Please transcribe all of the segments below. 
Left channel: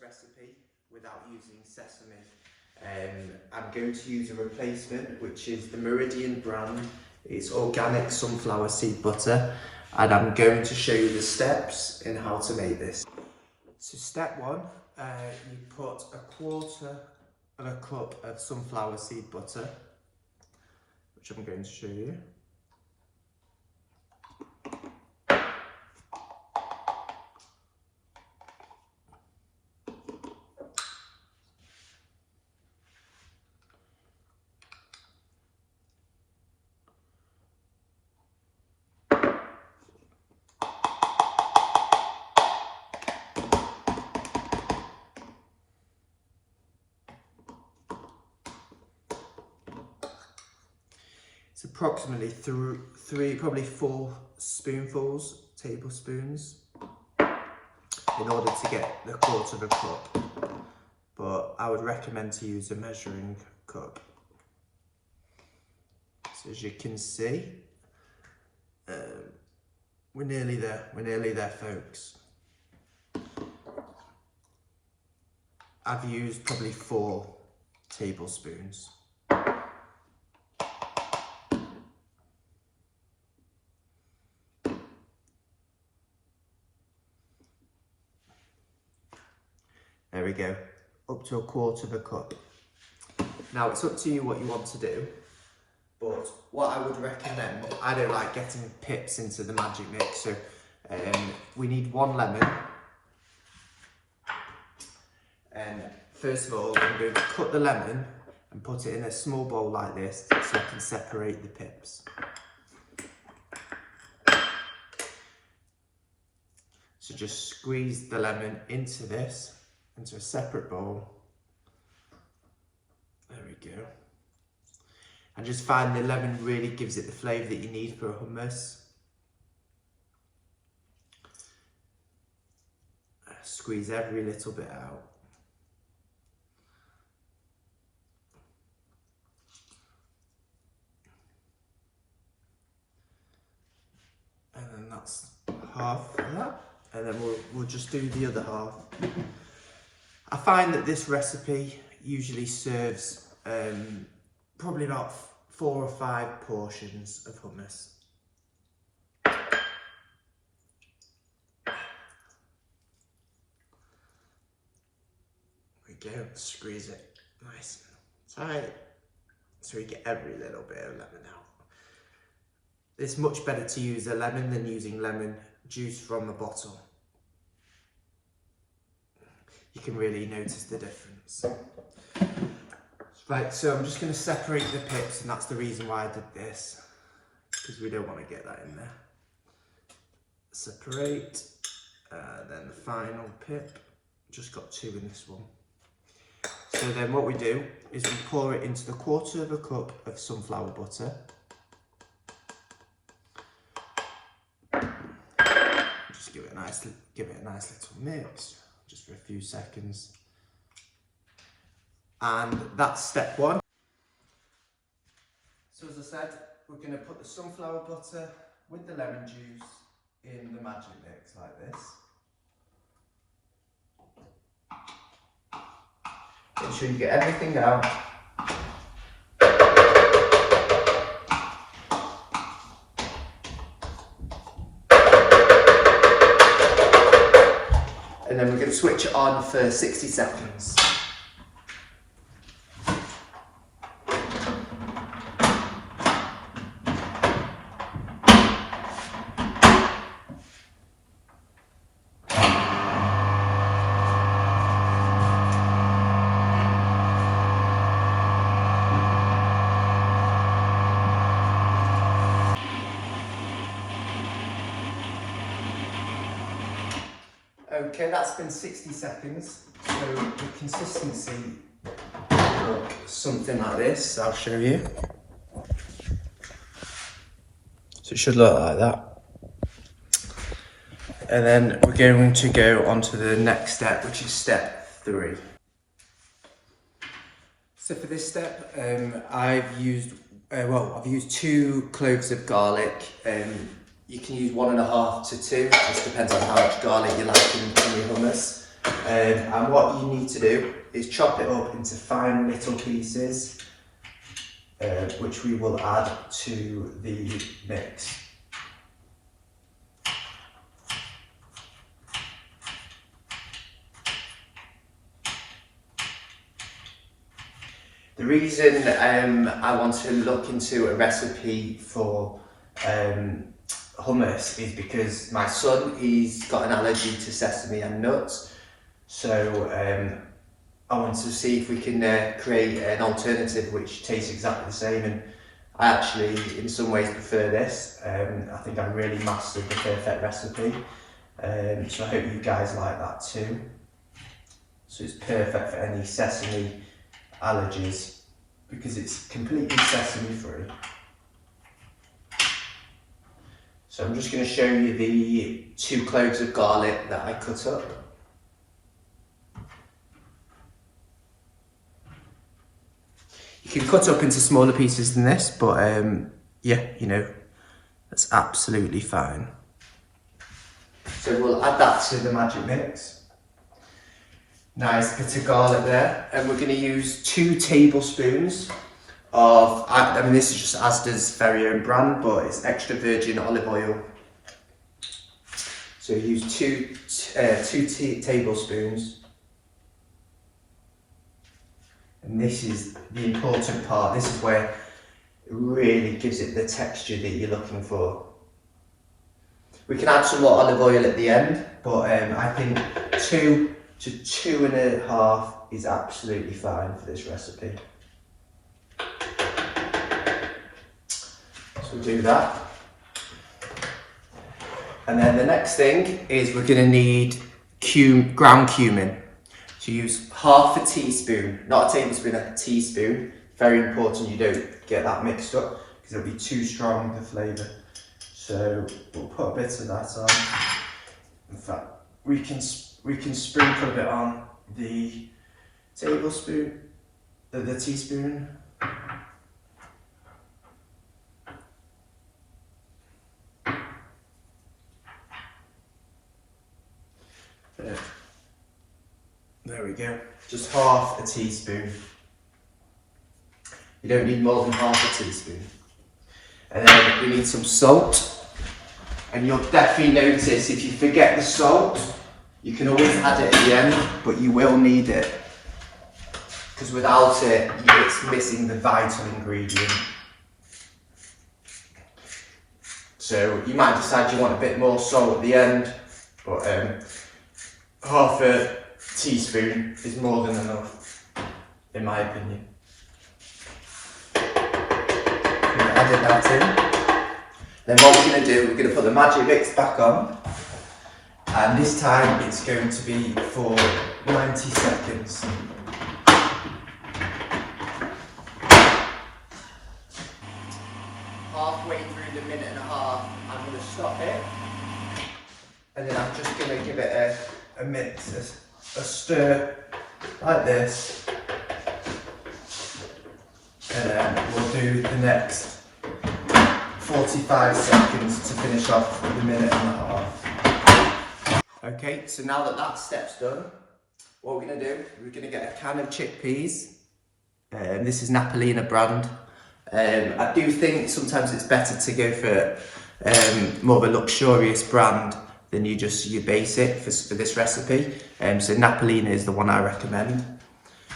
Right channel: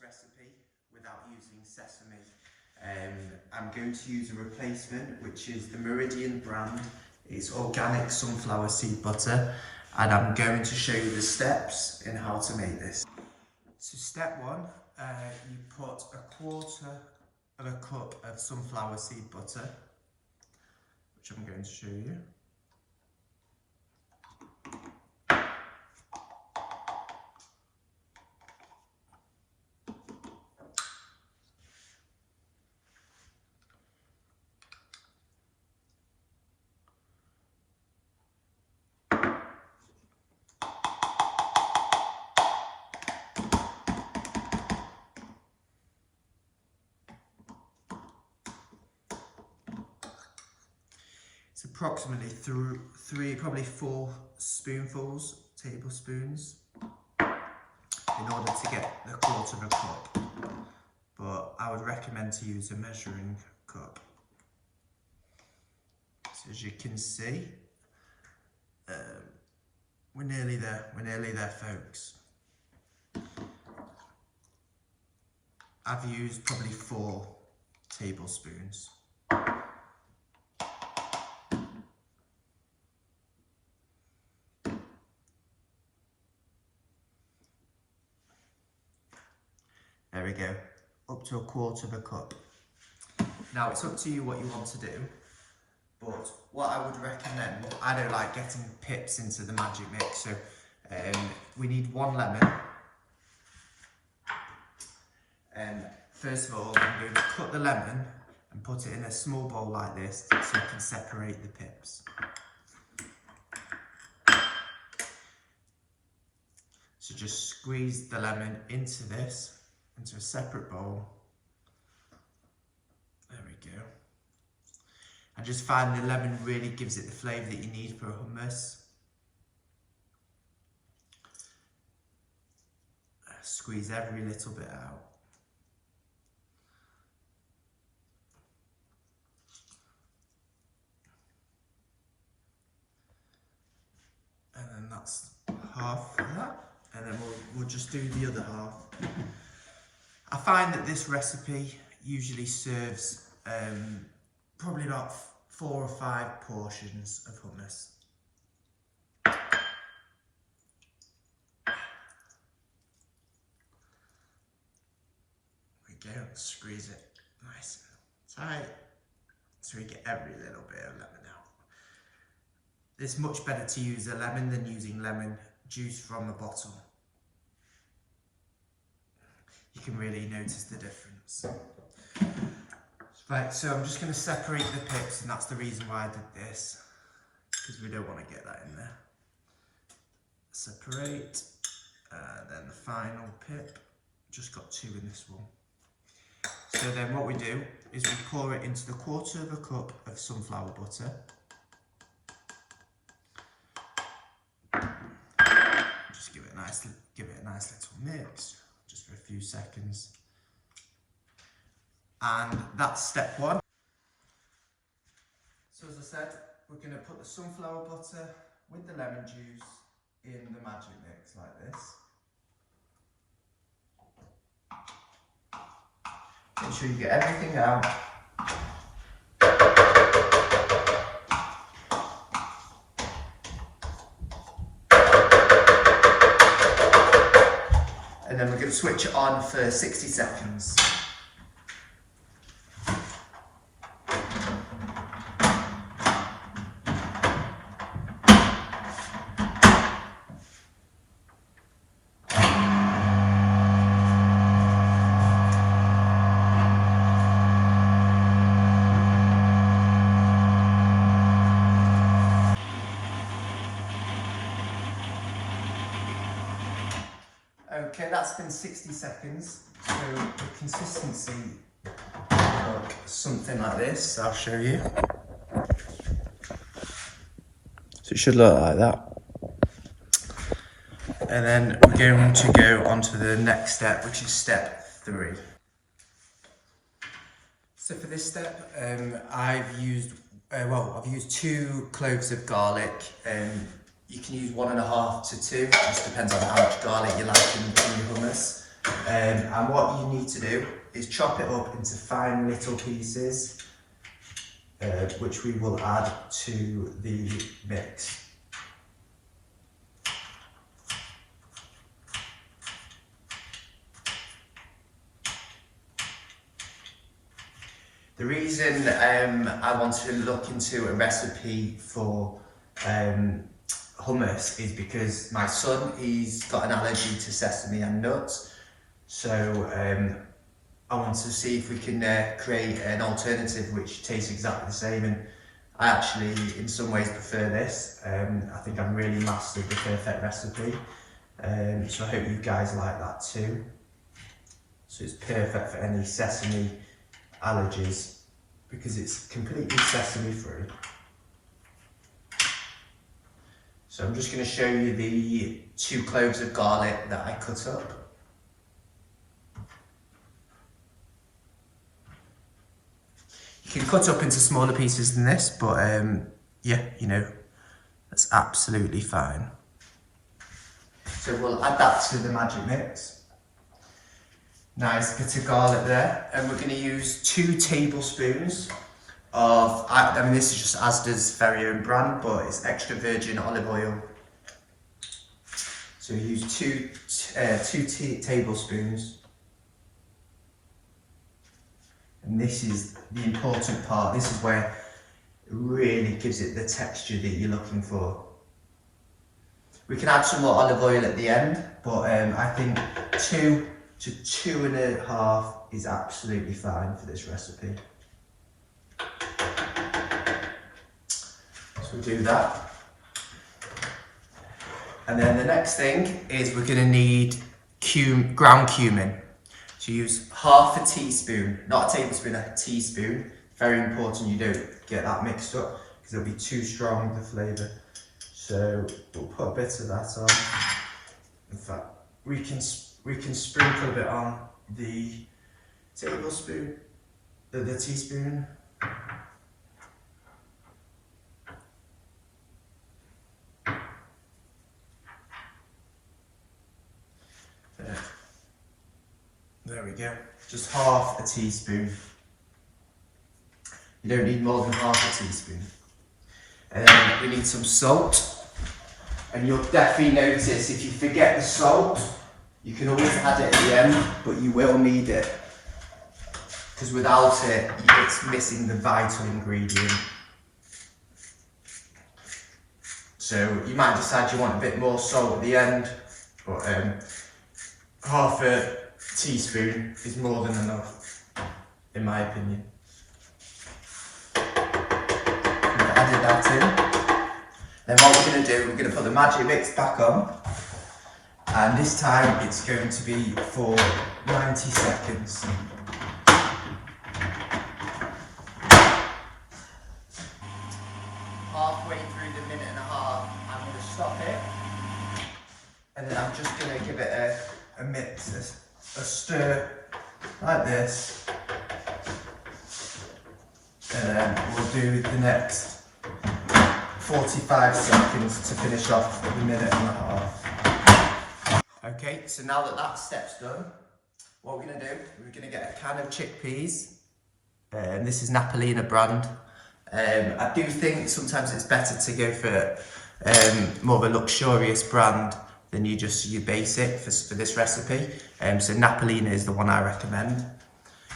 recipe without using sesame. I'm going to use a replacement, which is the Meridian brand. It's organic sunflower seed butter, and I'm going to show you the steps in how to make this. So step one, you put 1/4 of a cup of sunflower seed butter, which I'm going to show you. It's approximately probably 4 tablespoons, in order to get the 1/4 of a cup. But I would recommend to use a measuring cup. So as you can see, we're nearly there, folks. I've used probably 4 tablespoons. There we go, up to 1/4 of a cup. Now it's up to you what you want to do, but what I would recommend, I don't like getting pips into the magic mix, so we need 1 lemon. And first of all, I'm going to cut the lemon and put it in a small bowl like this so I can separate the pips. So just squeeze the lemon into a separate bowl. There we go. And just find the lemon really gives it the flavour that you need for a hummus. Squeeze every little bit out. And then that's half of that. And then we'll just do the other half. I find that this recipe usually serves probably about 4 or 5 portions of hummus. There we go, squeeze it nice and tight so we get every little bit of lemon out. It's much better to use a lemon than using lemon juice from a bottle. You can really notice the difference. Right, so I'm just going to separate the pips, and that's the reason why I did this, because we don't want to get that in there. Separate, then the final pip, just got 2 in this one. So then what we do is we pour it into the 1/4 of a cup of sunflower butter. Just give it a nice little mix, just for a few seconds. And that's step 1. So as I said, we're going to put the sunflower butter with the lemon juice in the magic mix like this. Make sure you get everything out. And then we're going to switch it on for 60 seconds. Okay, that's been 60 seconds, so the consistency looks something like this. I'll show you. So it should look like that. And then we're going to go on to the next step, which is step 3. So for this step, I've used 2 cloves of garlic. You can use 1.5 to 2, just depends on how much garlic you like in your hummus. And what you need to do is chop it up into fine little pieces, which we will add to the mix. The reason I want to look into a recipe for hummus is because my son, he's got an allergy to sesame and nuts, so I want to see if we can create an alternative which tastes exactly the same, and I actually in some ways prefer this. I think I've really mastered the perfect recipe, so I hope you guys like that too. So it's perfect for any sesame allergies because it's completely sesame free. So I'm just going to show you the 2 cloves of garlic that I cut up. You can cut up into smaller pieces than this, but yeah, you know, that's absolutely fine. So we'll add that to the magic mix. Nice bit of garlic there, and we're going to use 2 tablespoons of, I mean this is just Asda's very own brand, but it's extra virgin olive oil. So use 2 tablespoons, and this is the important part. This is where it really gives it the texture that you're looking for. We can add some more olive oil at the end, but I think 2 to 2.5 is absolutely fine for this recipe. So do that. And then the next thing is we're going to need ground cumin. So use half a teaspoon, not a tablespoon, a teaspoon. Very important you don't get that mixed up because it'll be too strong, the flavour. So we'll put a bit of that on. In fact, we can sprinkle a bit on the tablespoon, the teaspoon. There we go, just half a teaspoon. You don't need more than half a teaspoon. And then we need some salt. And you'll definitely notice if you forget the salt, you can always add it at the end, but you will need it. Because without it, it's missing the vital ingredient. So you might decide you want a bit more salt at the end, but half a teaspoon is more than enough, in my opinion. I've added that in. Then what we're going to do, we're going to put the magic mix back on, and this time it's going to be for 90 seconds. Halfway through the minute and a half, I'm going to stop it, and then I'm just going to give it a mix, a stir like this, and then we'll do the next 45 seconds to finish off the minute and a half. Okay, so now that that step's done, what we're going to do, we're going to get a can of chickpeas. This is Napolina brand. I do think sometimes it's better to go for more of a luxurious brand than your basic for this recipe. So Napolina is the one I recommend.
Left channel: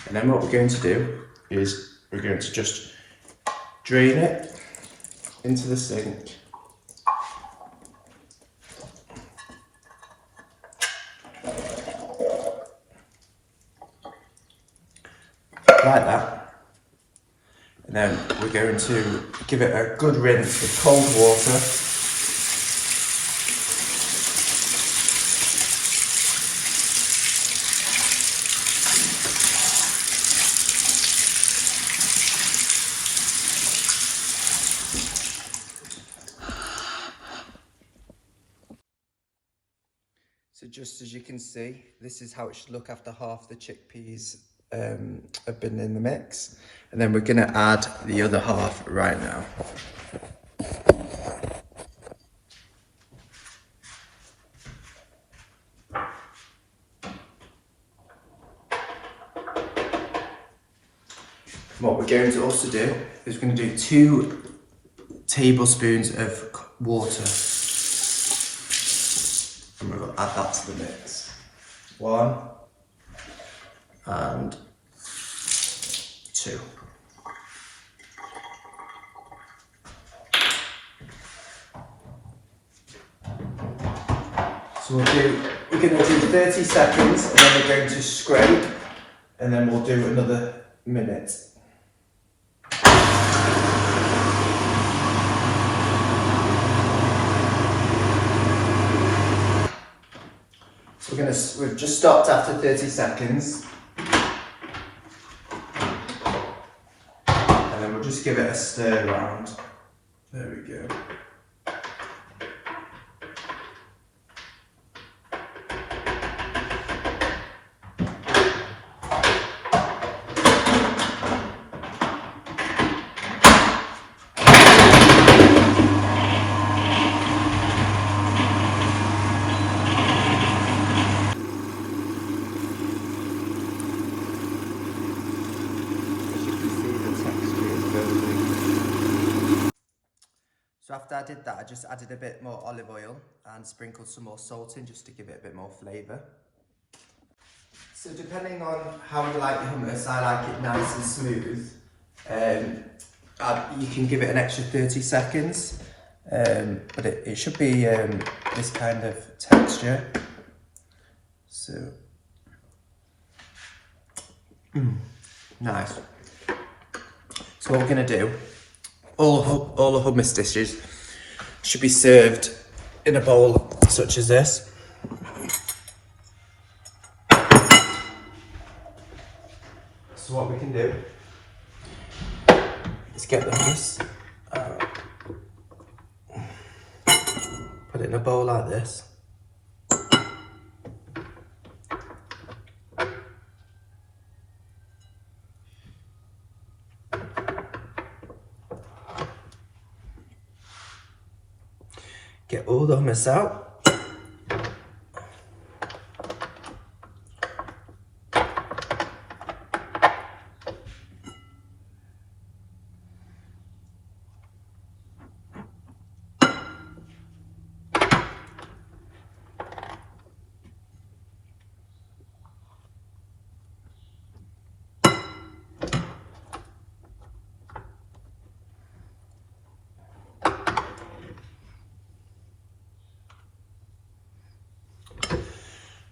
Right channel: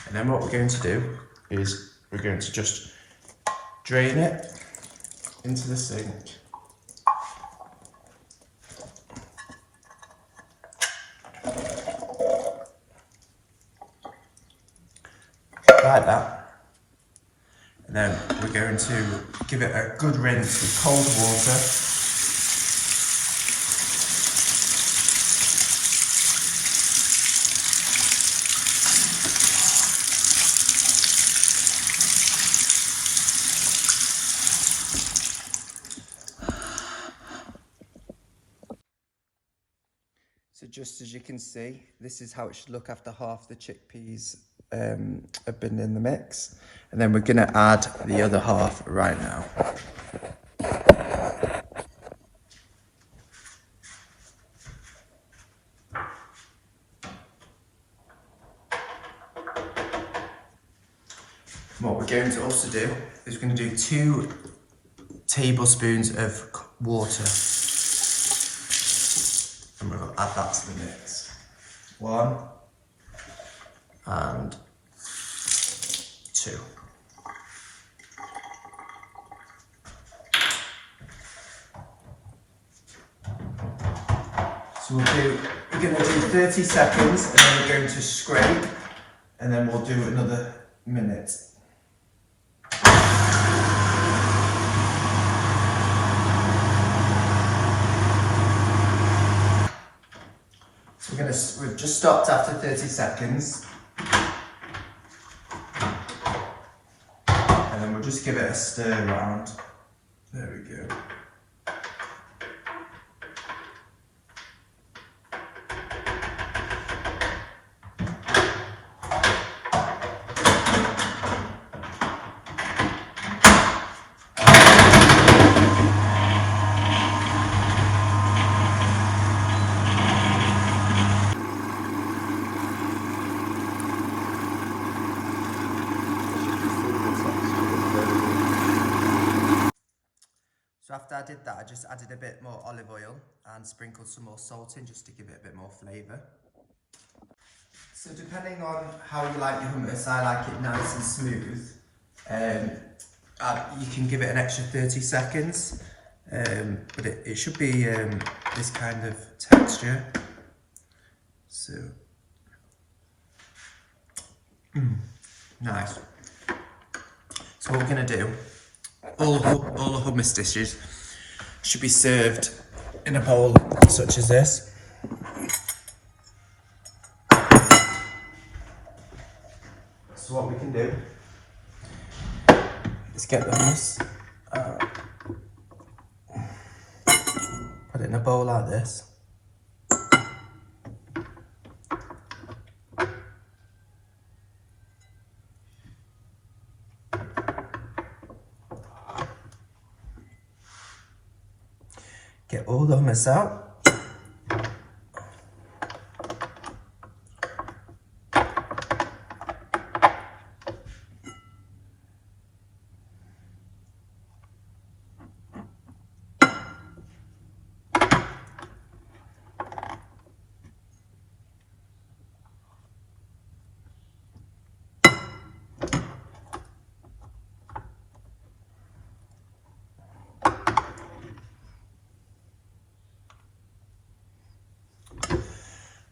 And then what we're going to do is we're going to just drain it into the sink. Like that. And then we're going to give it a good rinse with cold water. So just as you can see, this is how it should look after half the chickpeas have been in the mix. And then we're going to add the other half right now. What we're going to also do is we're going to do 2 tablespoons of water. And we're going to add that to the mix. 1 and 2. So we're going to do 30 seconds and then we're going to scrape and then we'll do another minute. So we've just stopped after 30 seconds. And then we'll just give it a stir around. There we go. So after I did that, I just added a bit more olive oil and sprinkled some more salt in just to give it a bit more flavour. So depending on how you like your hummus, I like it nice and smooth. You can give it an extra 30 seconds, but it should be this kind of texture. So, nice. So what we're going to do, all the hummus dishes should be served in a bowl such as this. So what we can do is get the hummus, put it in a bowl like this. Get all the hummus out.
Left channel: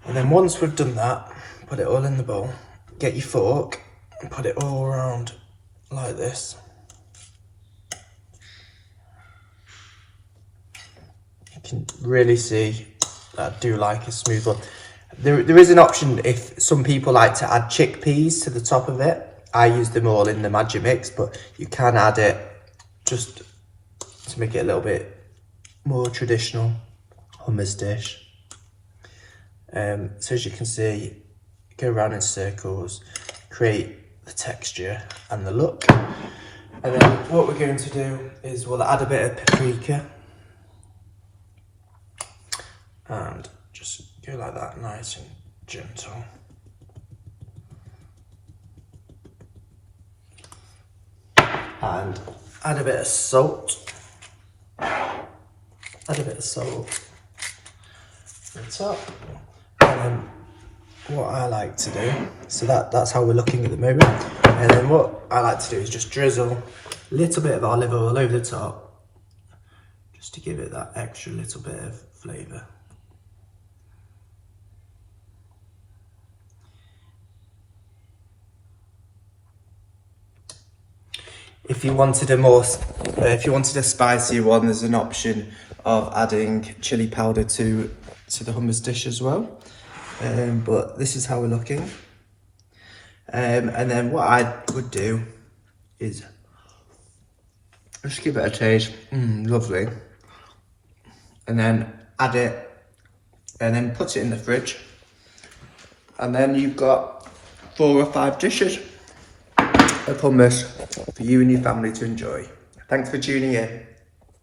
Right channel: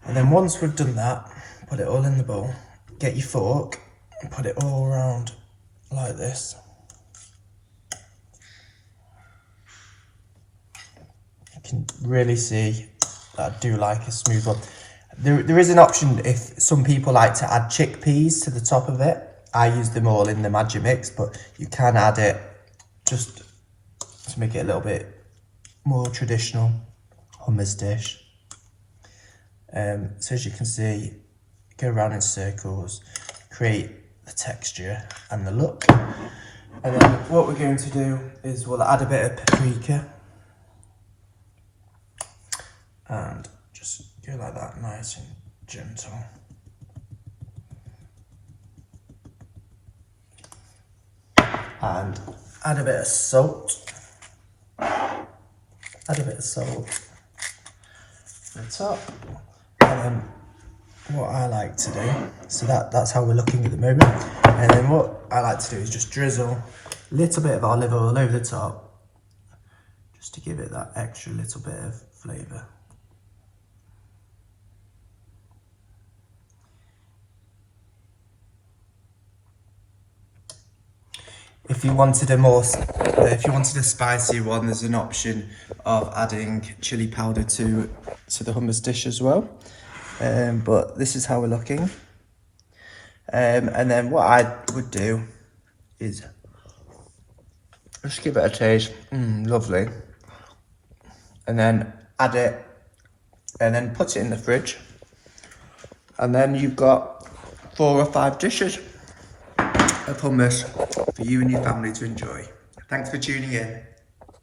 And then once we've done that, put it all in the bowl, get your fork and put it all around like this. You can really see that I do like a smooth one. There is an option if some people like to add chickpeas to the top of it. I use them all in the magic mix, but you can add it just to make it a little bit more traditional hummus dish. So as you can see, go around in circles, create the texture and the look. And then what we're going to do is we'll add a bit of paprika and just go like that, nice and gentle. And add a bit of salt. Add a bit of salt on the top. What I like to do, so that's how we're looking at the moment, and then what I like to do is just drizzle a little bit of olive oil over the top just to give it that extra little bit of flavour. If you wanted a spicier one, there's an option of adding chili powder to the hummus dish as well. But this is how we're looking. And then what I would do is just give it a taste. Lovely. And then add it and then put it in the fridge. And then you've got 4 or 5 dishes of hummus for you and your family to enjoy. Thanks for tuning in.